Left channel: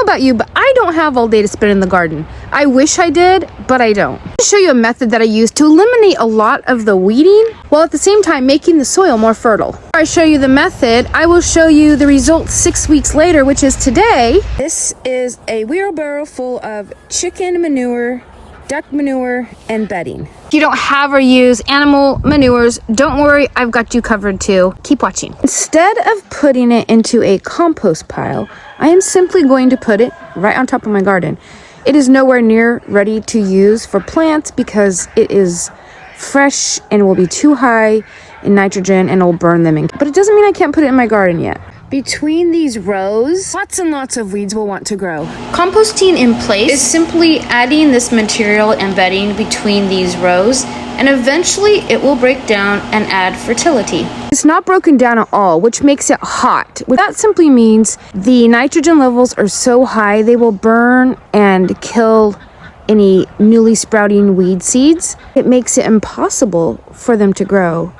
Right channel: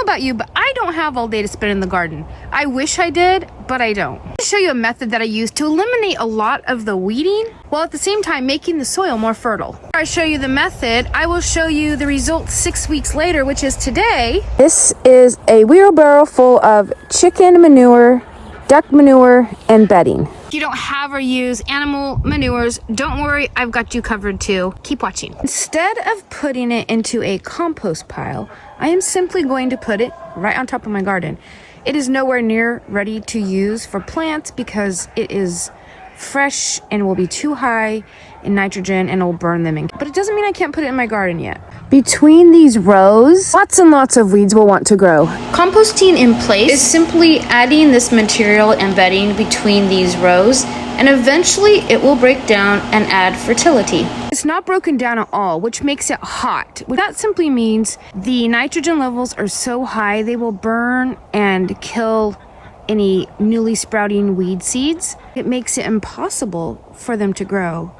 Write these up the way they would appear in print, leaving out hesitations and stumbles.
know about you, but I don't have all day to spend in the garden. I wish I did, but I don't. I'll show you a method that I use to eliminate a lot of the weeding, while at the same time making the soil more fertile. Before I show you the method, I will show you the results 6 weeks later, which is today. This is a wheelbarrow full of chicken manure, duck manure, and bedding. If you don't have or use animal manures, don't worry, I've got you covered too. Keep watching. Instead of putting it into a compost pile, I am simply going to put it right on top of my garden. It is nowhere near ready to use for plants because it is fresh and will be too high in nitrogen and will burn them in. But it doesn't mean I can't put it in my garden yet. Between these rows, lots and lots of weeds will want to grow. Composting in place is simply adding this material and bedding between these rows, and eventually it will break down and add fertility. It's not broken down at all, which makes it hot. That simply means the nitrogen levels are so high they will burn and kill any newly sprouting weed seeds. It makes it impossible for them to grow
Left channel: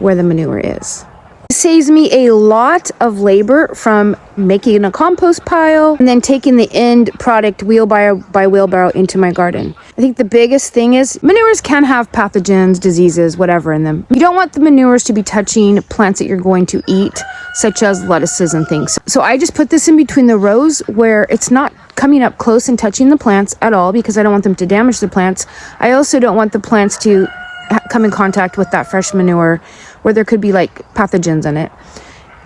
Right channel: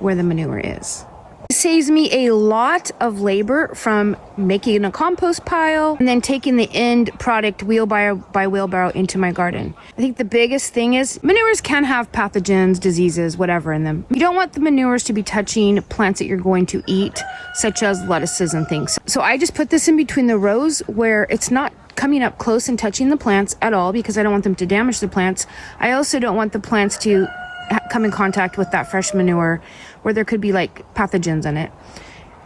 where the manure is. It saves me a lot of labor from making a compost pile and then taking the end product wheelbarrow by wheelbarrow into my garden. I think the biggest thing is manures can have pathogens, diseases, whatever in them. You don't want the manures to be touching plants that you're going to eat, such as lettuces and things. So I just put this in between the rows where it's not coming up close and touching the plants at all because I don't want them to damage the plants. I also don't want the plants to come in contact with that fresh manure where there could be like pathogens in it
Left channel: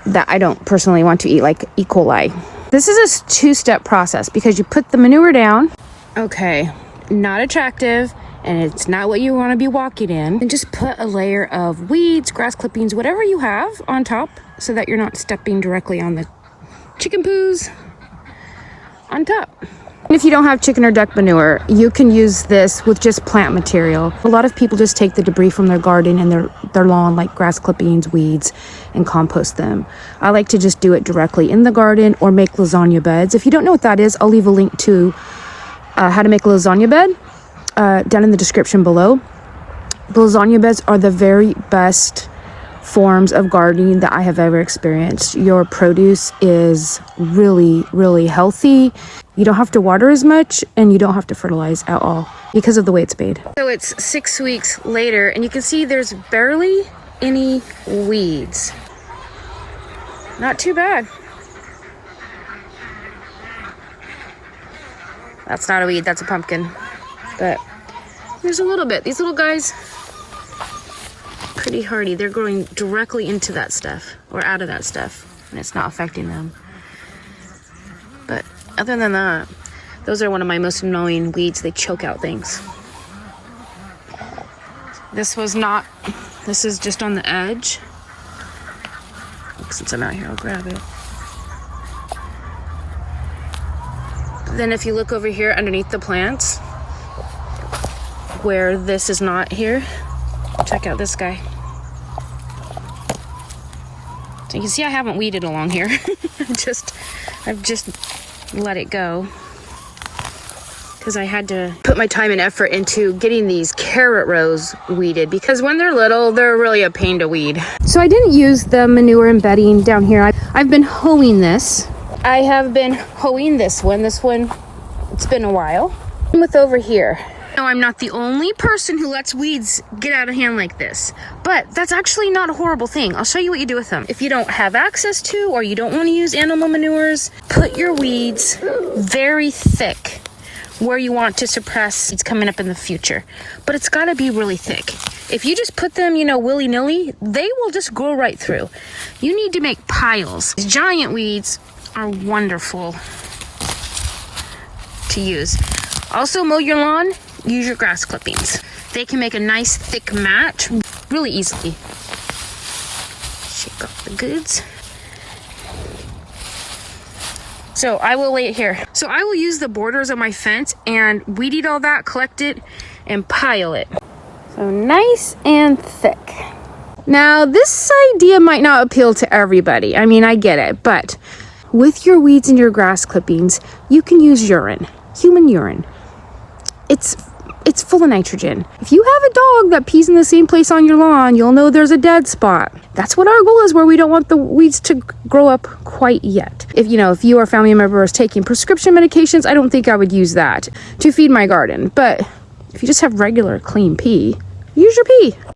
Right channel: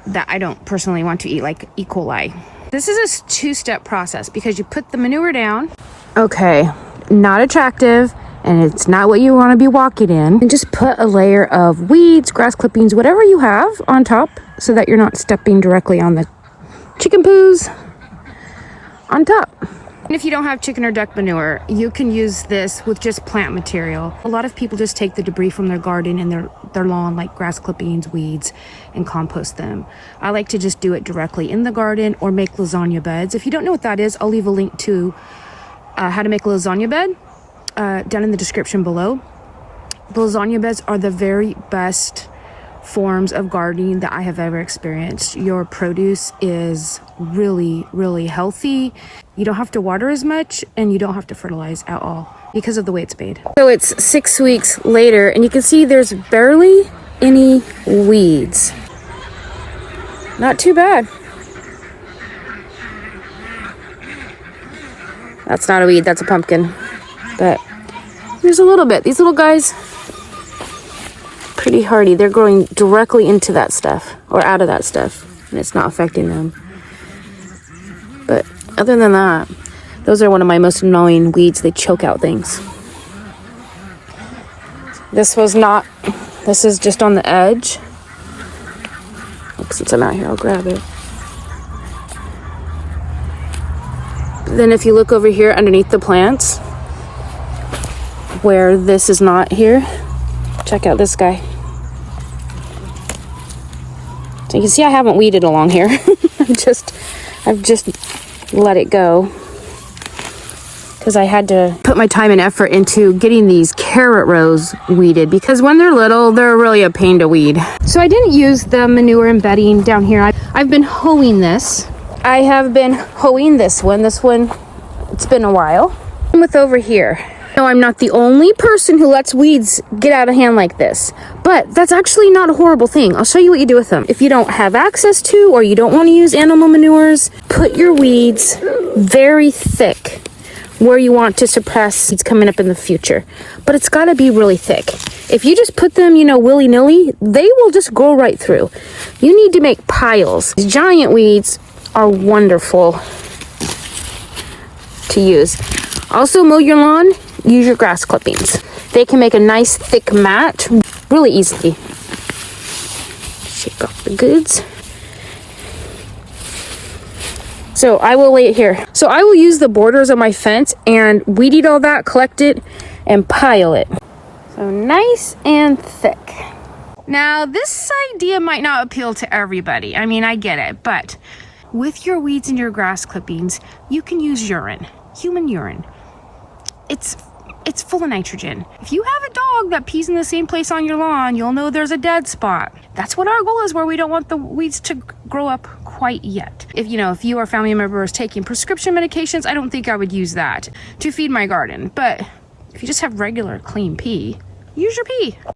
that I don't personally want to eat, like E. coli. This is a two-step process because you put the manure down. Okay, not attractive, and it's not what you want to be walking in. And just put a layer of weeds, grass clippings, whatever you have on top so that you're not stepping directly on the chicken poos on top. If you don't have chicken or duck manure, you can use this with just plant material. A lot of people just take the debris from their garden and their lawn, like grass clippings, weeds, and compost them. I like to just do it directly in the garden or make lasagna beds. If you don't know what that is, I'll leave a link to how to make a lasagna bed down in the description below. The lasagna beds are the very best forms of gardening that I have ever experienced. Your produce is really, really healthy. You don't have to water as much and you don't have to fertilize at all because of the way it's made. So it's 6 weeks later and you can see there's barely any weeds. Not too bad. That's not a weed, that's a pumpkin. But there's a little bit. These little guys, pretty hardy. They're growing directly into that stuff or out of that stuff and it's not affecting them. But other than that, those are one of my most annoying weeds. They choke out things. This is just on the edge. Since I'm out here, I'll grab it. Then if you look over here underneath the plants, where this is not here, check out this guy. So you can see I haven't weeded along here. I've just let it go because I had to put my time and effort into getting these carrot rows weeded because when they're little, they're really a pain to weed. So I didn't use the manure and bedding down here. I've been hoeing this. I have been hoeing this one. It's been a while. With over here. No, I'm not the only person who lets weeds get out of hand like this, but that's actually not a horrible thing. I'll show you what you do with them. If you don't have access to or you don't want to use animal manures, put your weeds very thick where you want to suppress seeds coming up in the future. But it's got to be really thick. If you just put them, willy-nilly, they will just grow right through. You need to make piles. These giant weeds are wonderful to use. Also, mow your lawn. Use your grass clippings. They can make a nice thick mat really easily. Shake off the goods. So I will lay it here. So I will use the borders of my fence and weed eat all that, collect it, and pile it. So nice and thick. Now this idea might not appeal to everybody. I mean, I get it, but with your weeds and your grass clippings, you can use urine, human urine. It's It's full of nitrogen. If you have a dog that pees in the same place on your lawn, you'll know there's a dead spot. That's what our goal is, where we don't want the weeds to grow up quite yet. If you or a family member is taking prescription medications, I don't think I would use that to feed my garden. But if you just have regular clean pee, use your pee.